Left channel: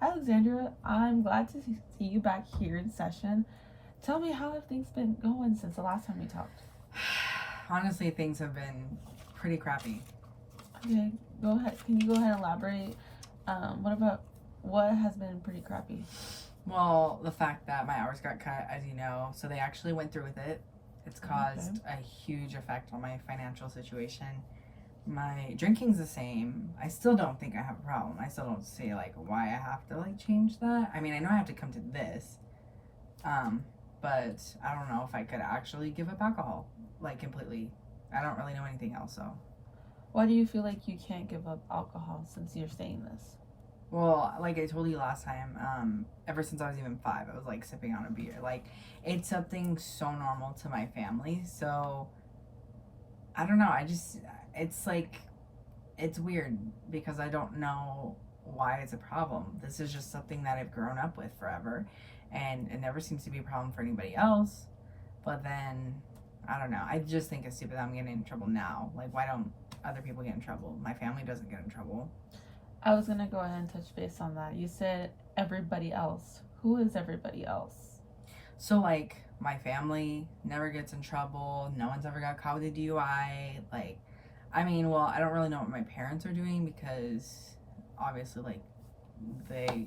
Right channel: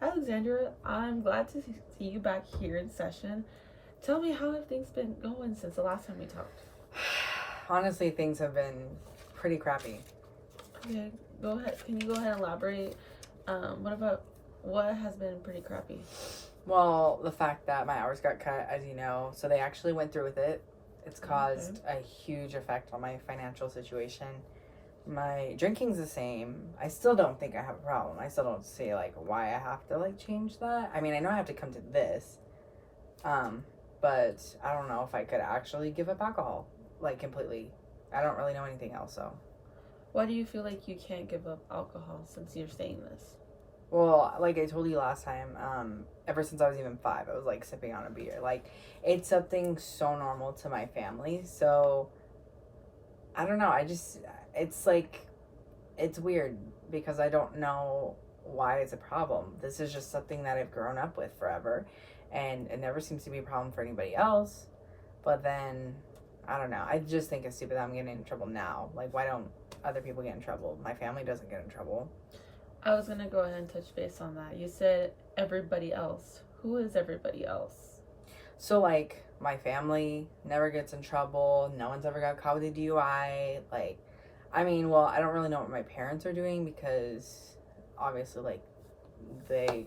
Alexandra, I'm glad to see you back here in session. Tell me, how have things been going since the last time we talked? Honestly, things have been pretty crappy. Okay, go ahead. Can you go ahead and elaborate? What has been pretty crappy? Well, the fact that my hours got cut, as you know, so they actually went through with it. It's caused a huge effect on my financial situation. My drinking's the same. I still don't think I have a problem. I still don't see like why I have to like change that. I mean, I know I have to come to this, but I don't know if I could actually give up alcohol like completely. I don't really know anything else, so. Why do you feel like you can't give up alcohol since you're saying this? Well, like I told you last time, ever since I was even 5, I was like sipping on a beer. Like, it's something so normal to my family. So, I don't know. It's like, it's weird because I don't know why it's a problem. This is just something that I've grown up with forever. And it never seems to be a problem for anybody else. But then, I don't know. I just think it's stupid that I'm getting in trouble now. Like, why don't other people get in trouble? My family doesn't get in trouble. I was gonna go ahead and touch base on that. You said everybody else. Who is everybody else? So, like, my family never gets in trouble. No one's ever got caught with a DUI. Like, I mean, well, I don't really know what my parents are doing because obviously, like, they,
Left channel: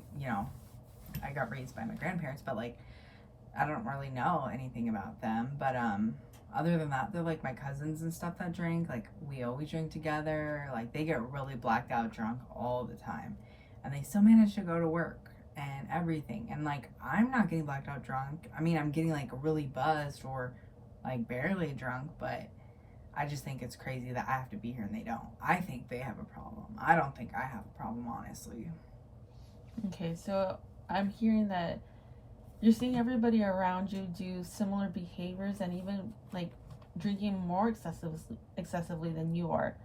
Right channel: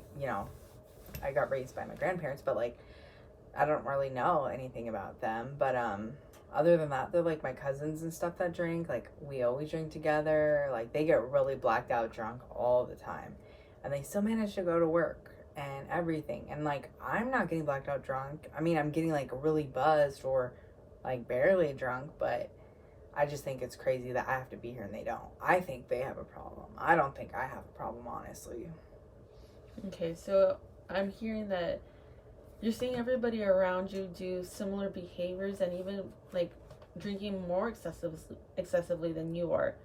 I got raised by my grandparents, but, like, I don't really know anything about them. But, other than that, they're like my cousins and stuff that drink. Like, we always drink together. Like, they get really blacked out drunk all the time. And they still manage to go to work and everything. And, like, I'm not getting blacked out drunk. I mean, I'm getting, like, really buzzed or, like, barely drunk. But I just think it's crazy that I have to be here and they don't. I think they have a problem. I don't think I have a problem, honestly. Okay, so I'm hearing that you're seeing everybody around you do similar behaviors and even like drinking more excessively than you are,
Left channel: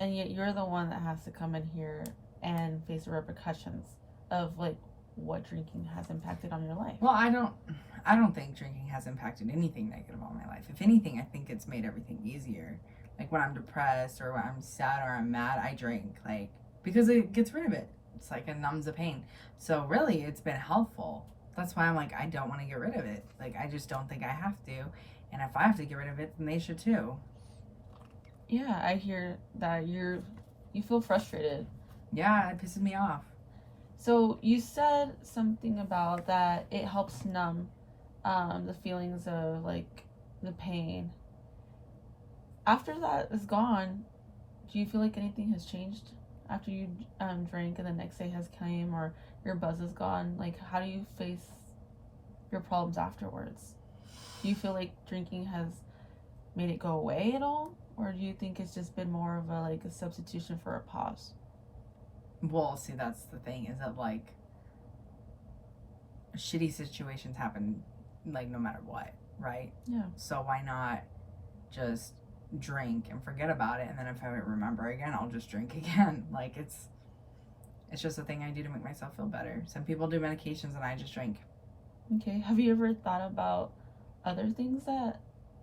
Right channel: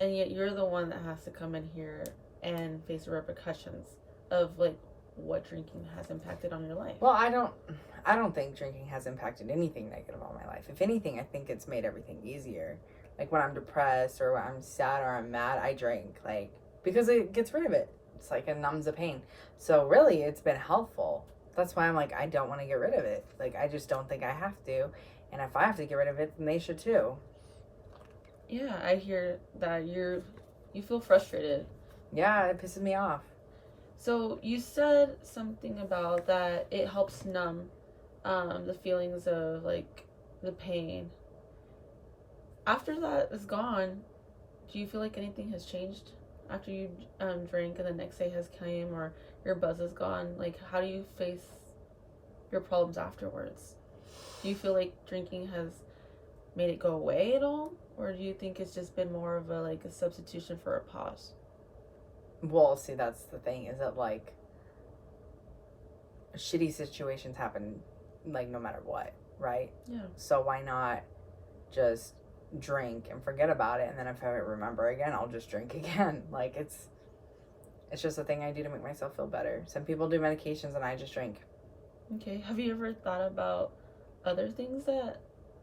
and yet you're the one that has to come in here and face the repercussions of like what drinking has impacted on your life. Well, I don't think drinking has impacted anything negative on my life. If anything, I think it's made everything easier. Like when I'm depressed or when I'm sad or I'm mad, I drink, like, because it gets rid of it. It's like it numbs the pain. So really, it's been helpful. That's why I'm like, I don't want to get rid of it. Like, I just don't think I have to. And if I have to get rid of it, then they should too. Yeah, I hear that you feel frustrated. Yeah, it pisses me off. So you said something about that it helps numb the feelings of like the pain. After that is gone, do you feel like anything has changed after you drink and the next day has came or your buzz is gone? Like, how do you face your problems afterwards? Do you feel like drinking has made it go away at all, or do you think it's just been more of a substitution for a pause? Well, see, that's the thing, is that like shitty situations happen like no matter what, right? Yeah. So why not just drink and forget about it, and then if I remember again, I'll just drink again. Like, it's just a thing I do to make myself feel better. Some people do medications and I just drink. Okay. Have you ever thought about other things that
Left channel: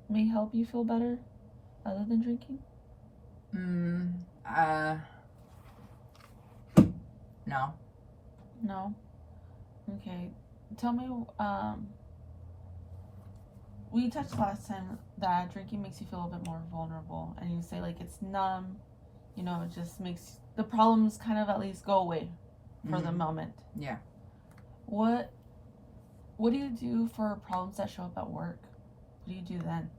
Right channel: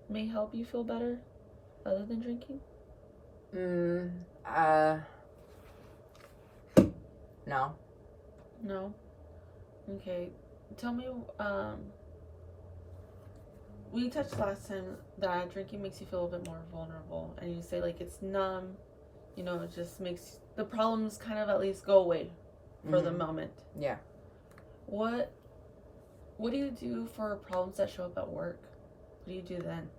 may help you feel better other than drinking? No. No. Okay. Tell me, we touched last time that drinking makes you feel a little bit more vulnerable, and you say like it's numb, it just makes the problems kind of at least go away for the moment. Yeah. What do you do for problems that show up at work? What do you do then?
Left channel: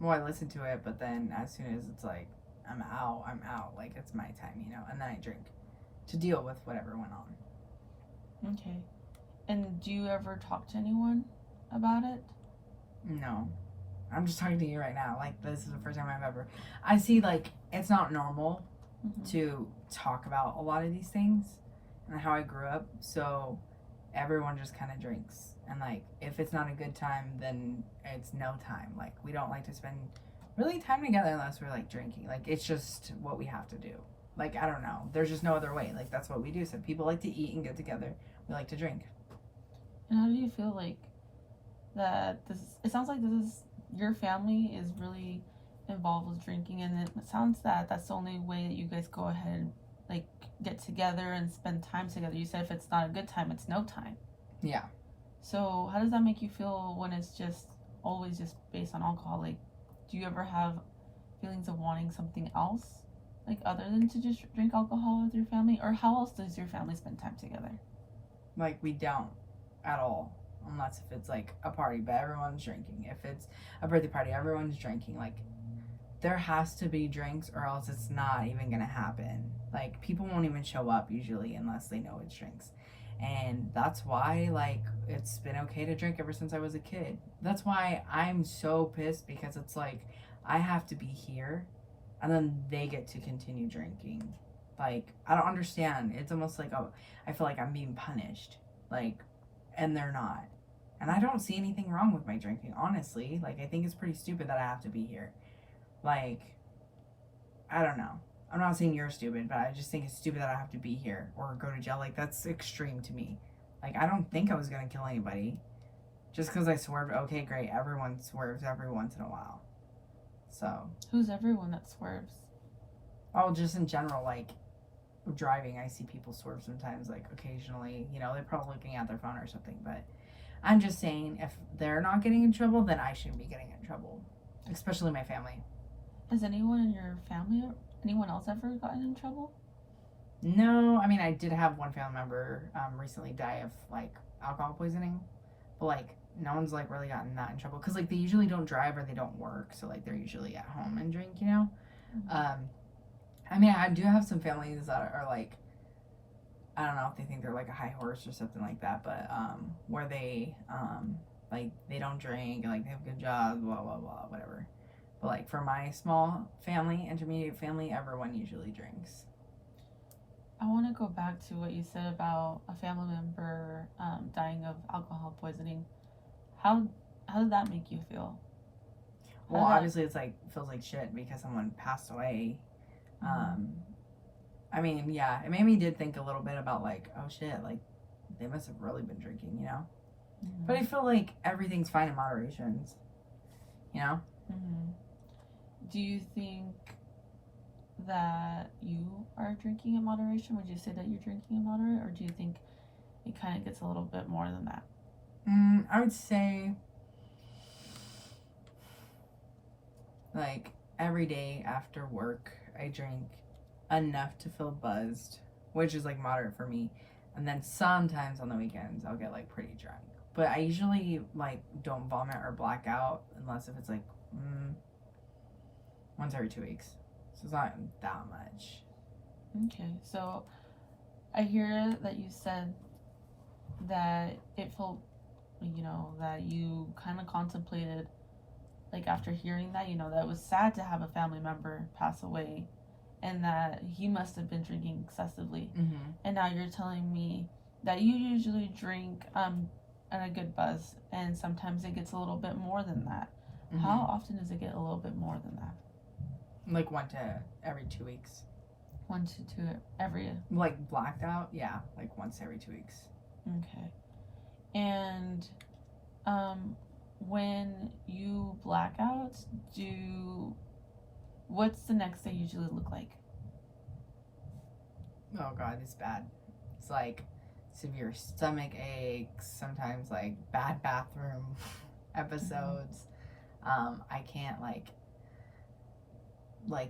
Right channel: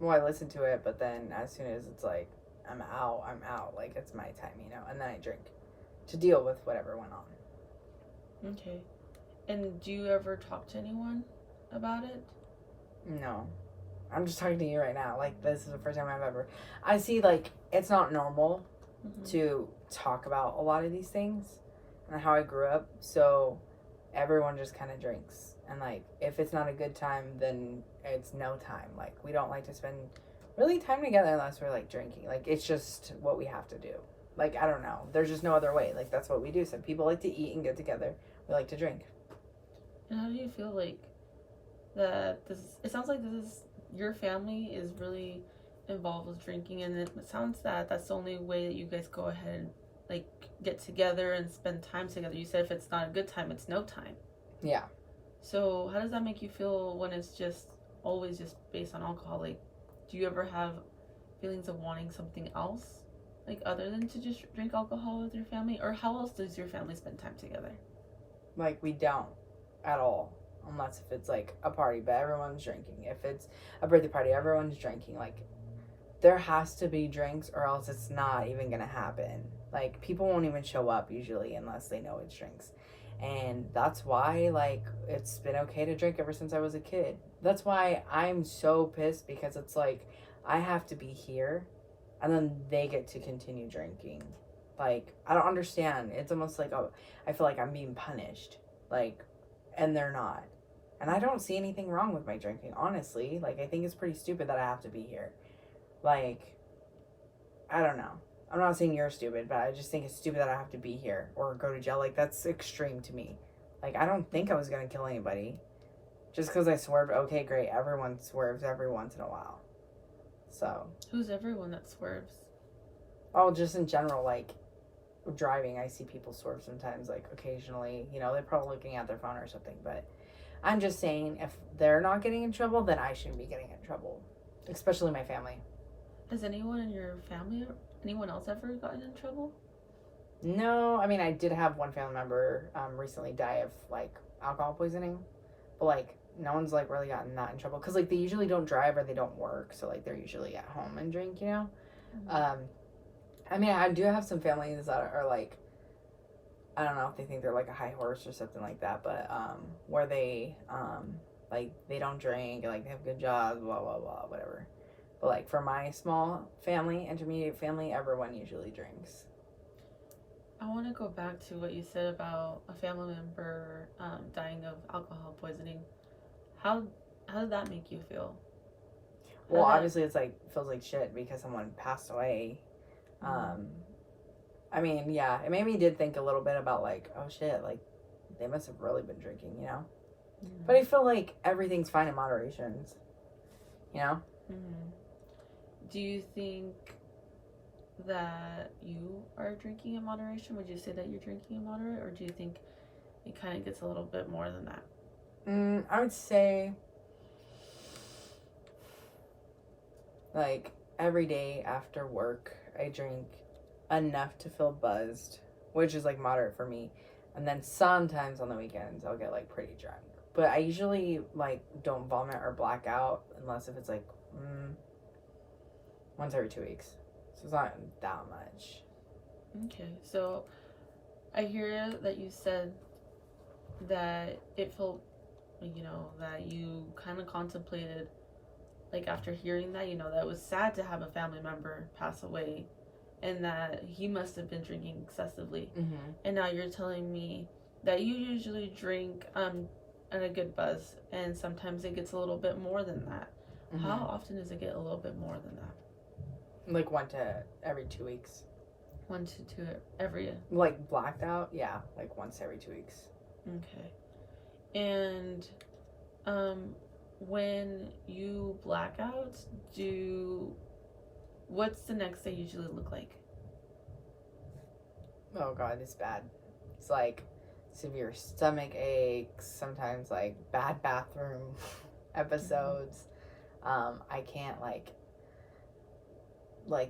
Well, I listen to it, but then as soon as it's like I'm out. Like, it's my time, and then I drink to deal with whatever went on. Okay. And do you ever talk to anyone about it? No. I'm just talking to you right now. Like, this is the first time I see, like, it's not normal to talk about a lot of these things and how I grew up. So everyone just kind of drinks. And, like, if it's not a good time, then it's no time. Like, we don't like to spend really time together unless we're, like, drinking. Like, it's just what we have to do. Like, I don't know. There's just no other way. Like, that's what we do. Some people like to eat and get together. We like to drink. And how do you feel like that it sounds like your family is really involved with drinking, and it sounds that that's the only way that you guys go ahead and like get together and spend time together. You said if it's not a good time, it's no time. Yeah. So how does that make you feel when it's just always just based on alcohol? Like, do you ever have feelings of wanting something else, like other than to just drink alcohol with your family? Or how else does your family spend time together? Like, we don't at all. Unless if it's like a party, but everyone's drinking. If it's a birthday party, everyone's drinking. Like, there has to be drinks or else it's not even gonna happen. Like, people won't even show up usually unless they know it's drinks. And that's why, like, it's been okay to drink ever since I was a kid. That's why I'm so pissed, because it's like I have to be here and then they get to continue drinking. Like, I don't understand. It's almost like I feel like I'm being punished. Like, and they're not. And I don't see anything wrong with my drinking, honestly. Like, I think it's pretty stupid that I have to be here. Like, I don't know. I'm not saying you're stupid, but I just think it's stupid that I have to be here or go to jail. Like, that's extreme to me. Like, I don't think I was going to kill anybody. Just because I swerved, okay, great. Everyone swerves every once in a while. So. Who's everyone that swerves? Oh, just in general, like, driving, I see people swerve sometimes, like, occasionally. You know, they're probably looking at their phone or something. But I'm just saying, if they're not getting in trouble, then I shouldn't be getting in trouble. Especially my family. Has anyone in your family or anyone else ever gotten in trouble? No, I mean, I did have one family member recently die of, like, alcohol poisoning. But, like, no one's, like, really gotten that in trouble. Because, like, they usually don't drive or they don't work. So, like, they're usually at home and drink, you know? Mm-hmm. I mean, I do have some families that are, like, I don't know if they think they're, like, a high horse or something like that. But, where they, like, they don't drink. And, like, they have good jobs, blah, blah, blah, whatever. But, like, for my small family, intermediate family, everyone usually drinks. I want to go back to what you said about a family member dying of alcohol poisoning. How did that make you feel? Well, obviously, it's like feels like shit because someone passed away. I mean, yeah, it made me did think a little bit about like, oh shit, like they must have really been drinking, you know. Mm-hmm. But I feel like everything's fine in moderation, you know. Mm-hmm. Do you think that you are drinking in moderation? Would you say that you're drinking in moderate, or do you think it kind of gets a little bit more than that? I would say like every day after work I drink enough to feel buzzed, which is like moderate for me, and then sometimes on the weekends I'll get like pretty drunk, but I usually like don't vomit or black out unless if it's like once every 2 weeks. So it's not that much. Okay, so I hear that you said that it felt, you know, that you kind of contemplated, like after hearing that, you know, that it was sad to have a family member pass away and that he must have been drinking excessively. Mm-hmm. And now you're telling me that you usually drink and a good buzz, and sometimes it gets a little bit more than that. Mm-hmm. How often does it get a little bit more than that? Like 1 to every 2 weeks. 1 to 2 every. Like blacked out, yeah, like once every 2 weeks. Okay. And when you black out, what's the next day usually look like? Oh god, it's bad. It's like severe stomach aches, sometimes like bad bathroom episodes. I can't like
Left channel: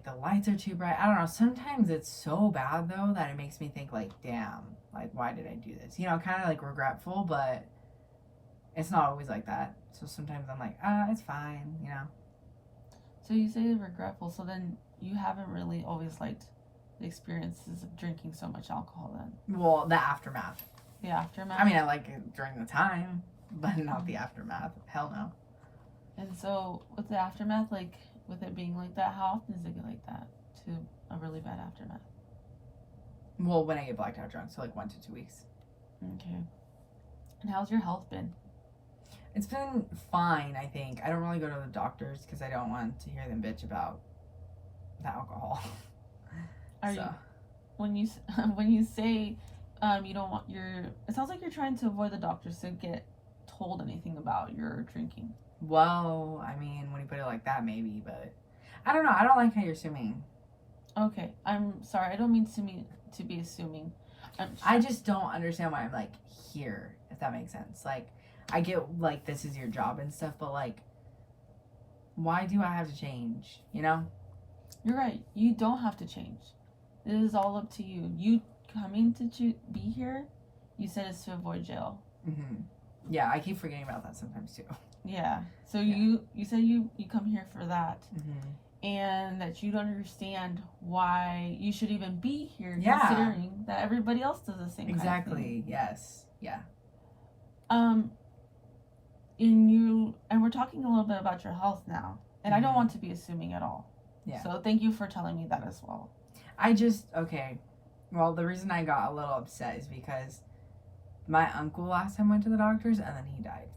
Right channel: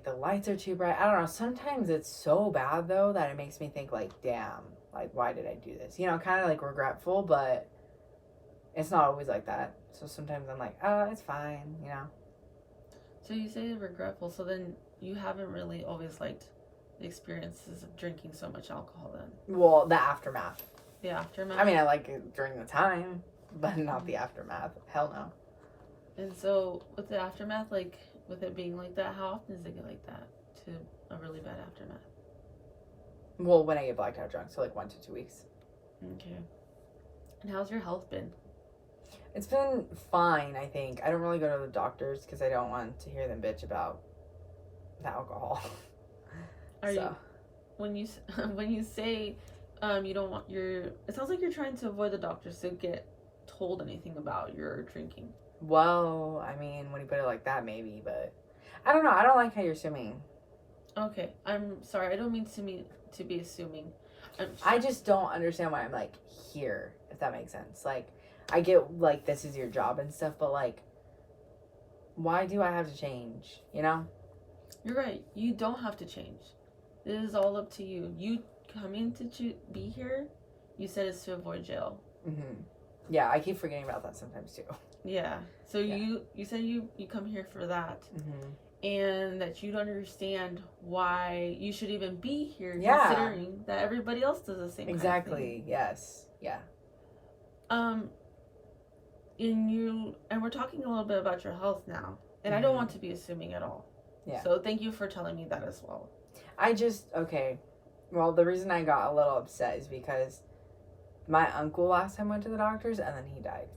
the lights are too bright. I don't know. Sometimes it's so bad though that it makes me think like, damn, like why did I do this? You know, kind of like regretful, but it's not always like that. So sometimes I'm like, it's fine, you know. So you say regretful, so then you haven't really always liked the experiences of drinking so much alcohol then? Well, the aftermath. The aftermath? I mean, I like it during the time, but not the aftermath. Hell no. And so with the aftermath, like with it being like that, how often does it get like that to a really bad aftermath? Well, when I get blacked out drunk, so like 1 to 2 weeks. Okay. And how's your health been? It's been fine, I think. I don't really go to the doctors because I don't want to hear them bitch about the alcohol. When you say you don't want it sounds like you're trying to avoid the doctors to get told anything about your drinking. Well, I mean, when you put it like that, maybe, but I don't know. I don't like how you're assuming. Okay, I'm sorry. I don't mean to be assuming. I just don't understand why I'm like here, if that makes sense. Like, I get like this is your job and stuff, but like, why do I have to change? You know? You're right. You don't have to change. It is all up to you. You coming to be here, you said it's to avoid jail. Mm-hmm. Yeah, I keep forgetting about that sometimes too. Yeah. So Yeah. you said you come here for that. Mm-hmm. And that you don't understand why you should even be here, Yeah. considering that everybody else does the same. Exactly. Kind of thing. Yes. Yeah. And we're talking a little bit about your health now, and I don't want to be assuming at all. Yeah. So thank you for telling me that as well. Okay. Well, the reason I got a little upset is because my uncle last time went to the doctors and then he died.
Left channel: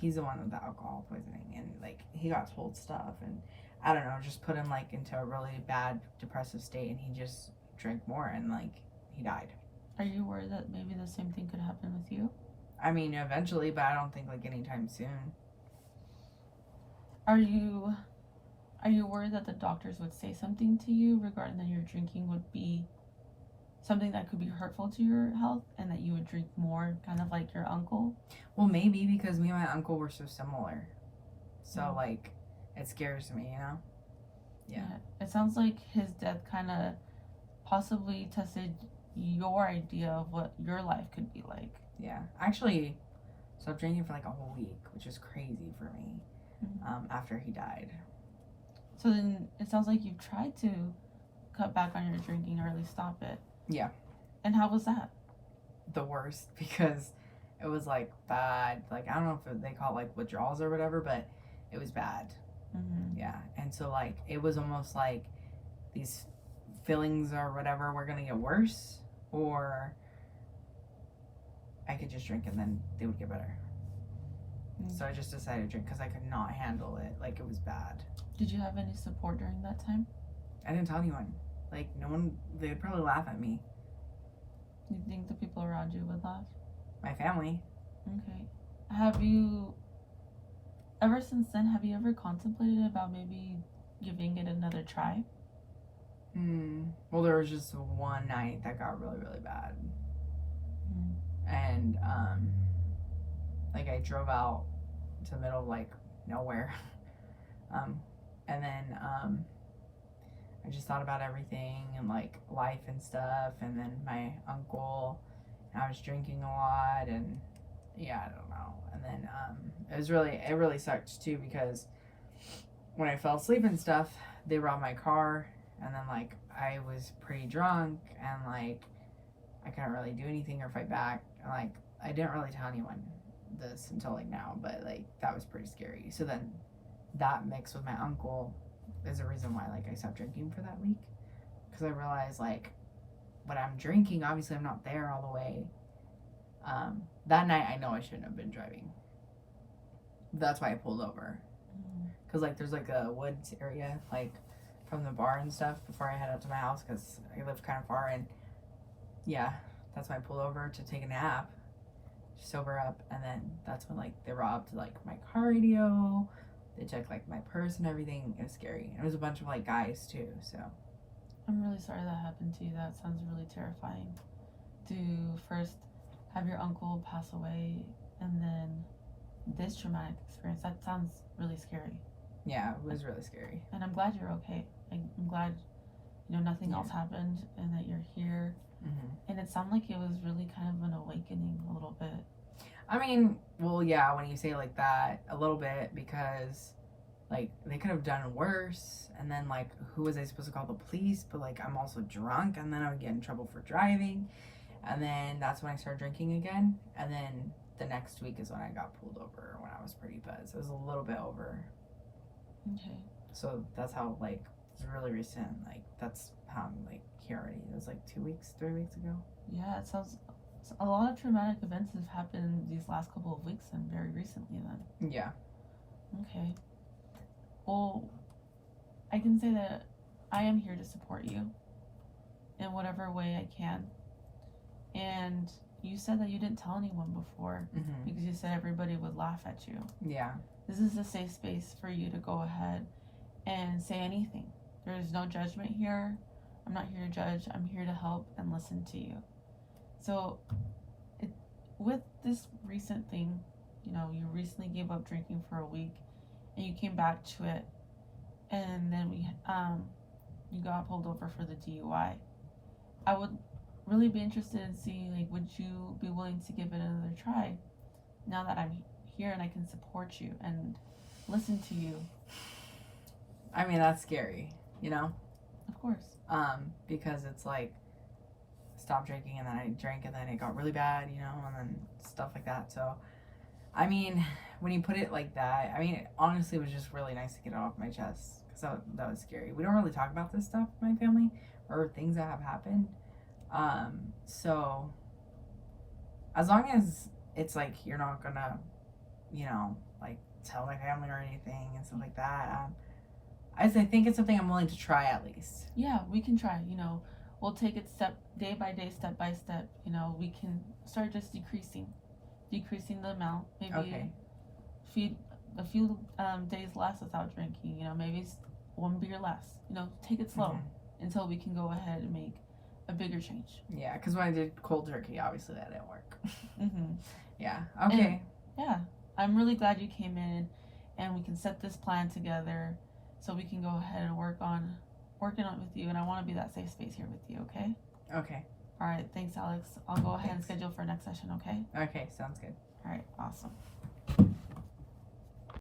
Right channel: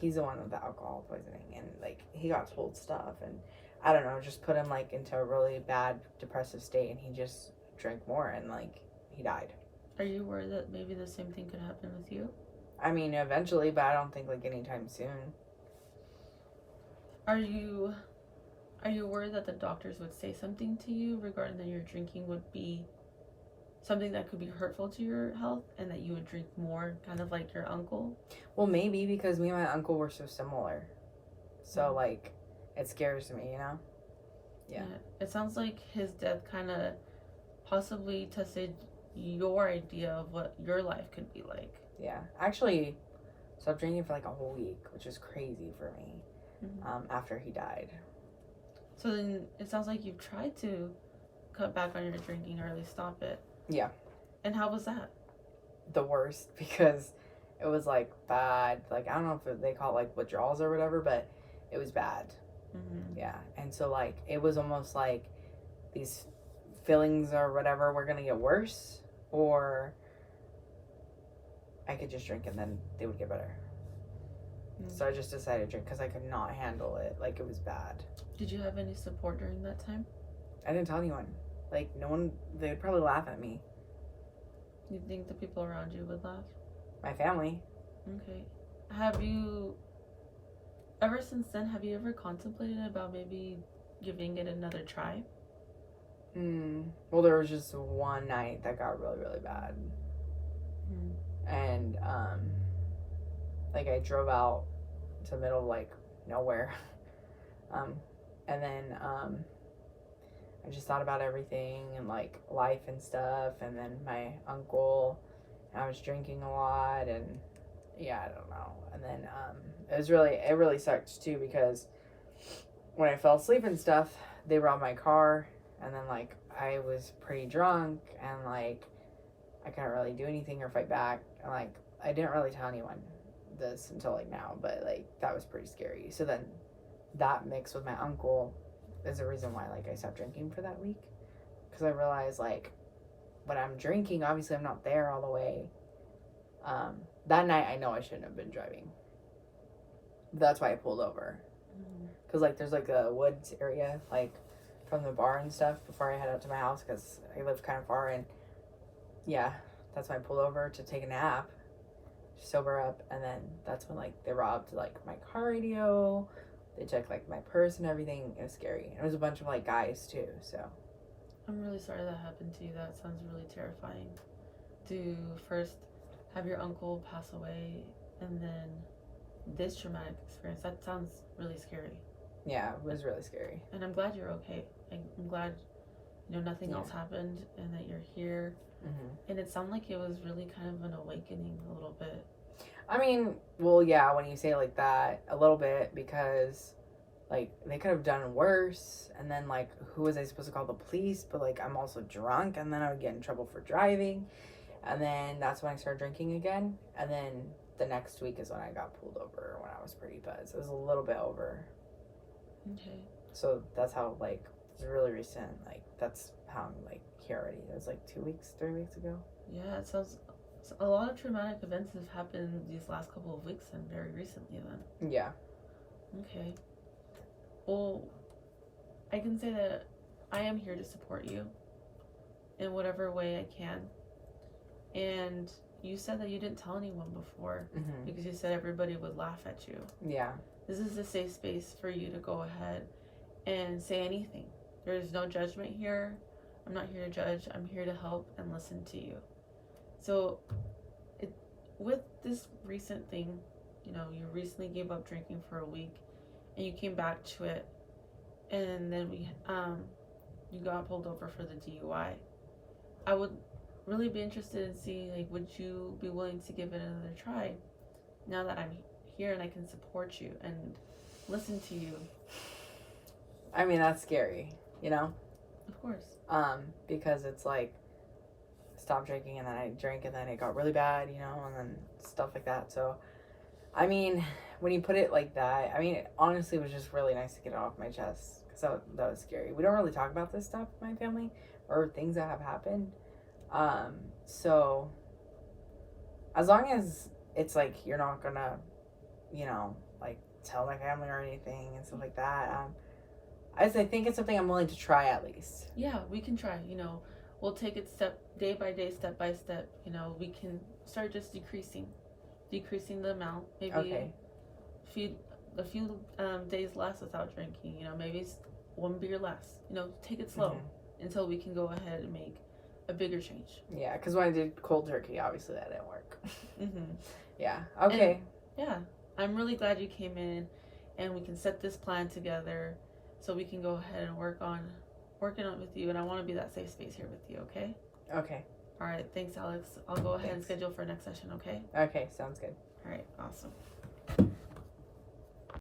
He's the one with the alcohol poisoning, and like he got told stuff, and I don't know, just put him like into a really bad depressive state, and he just drank more and like he died. Are you worried that maybe the same thing could happen with you? I mean, eventually, but I don't think like anytime soon. Are you worried that the doctors would say something to you regarding that your drinking would be something that could be hurtful to your health, and that you would drink more, kind of like your uncle? Well, maybe because me and my uncle were so similar. So like it scares me, you know? Yeah. It sounds like his death kind of possibly tested your idea of what your life could be like. Yeah. Actually, stopped drinking for like a whole week, which is crazy for me. After he died. So then it sounds like you've tried to cut back on your drinking or at least stop it. Yeah. And how was that? The worst, because it was like bad. Like, I don't know if they call it like withdrawals or whatever, but it was bad. Mm-hmm. Yeah. And so like it was almost like these feelings or whatever were gonna get worse, or I could just drink and then they would get better. Mm-hmm. So I just decided to drink because I could not handle it. Like, it was bad. Did you have any support during that time? I didn't tell anyone. Like, no one, they'd probably laugh at me. You think the people around you would laugh? My family. Okay. Have you, ever since then, have you ever contemplated about maybe giving it another try? Well, there was just one night that got really, really bad. And, like, I drove out to the middle of, like, nowhere. And then, I just thought about everything and, like, life and stuff. And then my uncle, I was drinking a lot, and, yeah, I don't know. And then, it really sucked, too, because when I fell asleep and stuff, they robbed my car. And then, like, I was pretty drunk, and, like, I couldn't really do anything or fight back. And, like, I didn't really tell anyone this until, like, now, but, like, that was pretty scary. So then that mixed with my uncle is the reason why, like, I stopped drinking for that week. Because I realized, like, when I'm drinking, obviously I'm not there all the way. That night, I know I shouldn't have been driving. That's why I pulled over. Because, like, there's, like, a woods area, like, from the bar and stuff before I head up to my house, because I live kind of far. And yeah, that's why I pulled over to take a nap, sober up. And then that's when, like, they robbed, like, my car radio. They took, like, my purse and everything. It was scary. And it was a bunch of, like, guys too. So I'm really sorry that happened to you. That sounds really terrifying. To first have your uncle pass away, and then this traumatic experience, that sounds really scary. Yeah, it was really scary. And I'm glad you're okay. I'm glad, nothing else happened, and that you're here. And it sounded like it was really kind of an awakening a little bit. I mean, well, yeah, when you say like that, a little bit, because, like, they could have done worse. And then, like, who was I supposed to call the police? But, like, I'm also drunk, and then I would get in trouble for driving. And then that's when I started drinking again. And then the next week is when I got pulled over, when I was pretty buzzed. It was a little bit over. Okay. So that's how, like, it's really recent. Like, that's how I'm, like, here already. It was, like, 3 weeks ago. Yeah, it sounds... A lot of traumatic events have happened these last couple of weeks and very recently then. Yeah. Okay. Well, I can say that I am here to support you in whatever way I can. And you said that you didn't tell anyone before because you said everybody would laugh at you. Yeah. This is a safe space for you to go ahead and say anything. There is no judgment here. I'm not here to judge. I'm here to help and listen to you. So, with this recent thing, you recently gave up drinking for a week, and you came back to it, and then you got pulled over for the DUI. I would really be interested in seeing, like, would you be willing to give it another try now that I'm here and I can support you and listen to you? I mean, that's scary, Of course. because it's like, stopped drinking and then I drank and then it got really bad, and then stuff like that. So, I mean, when you put it like that, I mean, it honestly was just really nice to get it off my chest because that was scary. We don't really talk about this stuff in my family or things that have happened. So as long as it's like you're not gonna, like tell my family or anything and stuff like that, I think it's something I'm willing to try at least. Yeah, we can try. We'll take it day by day, step by step. We can start just decreasing the amount. Maybe a few days less without drinking. Maybe one beer less. Take it slow until we can go ahead and make a bigger change. Yeah, because when I did cold turkey, obviously that didn't work. Yeah. And, okay. yeah, I'm really glad you came in, and we can set this plan together, so we can go ahead and working on it with you. And I want to be that safe space here with you. Okay. Okay. All right. Thanks, Alex. I'll go ahead and schedule for next session. Okay. Okay. Sounds good. All right. Awesome.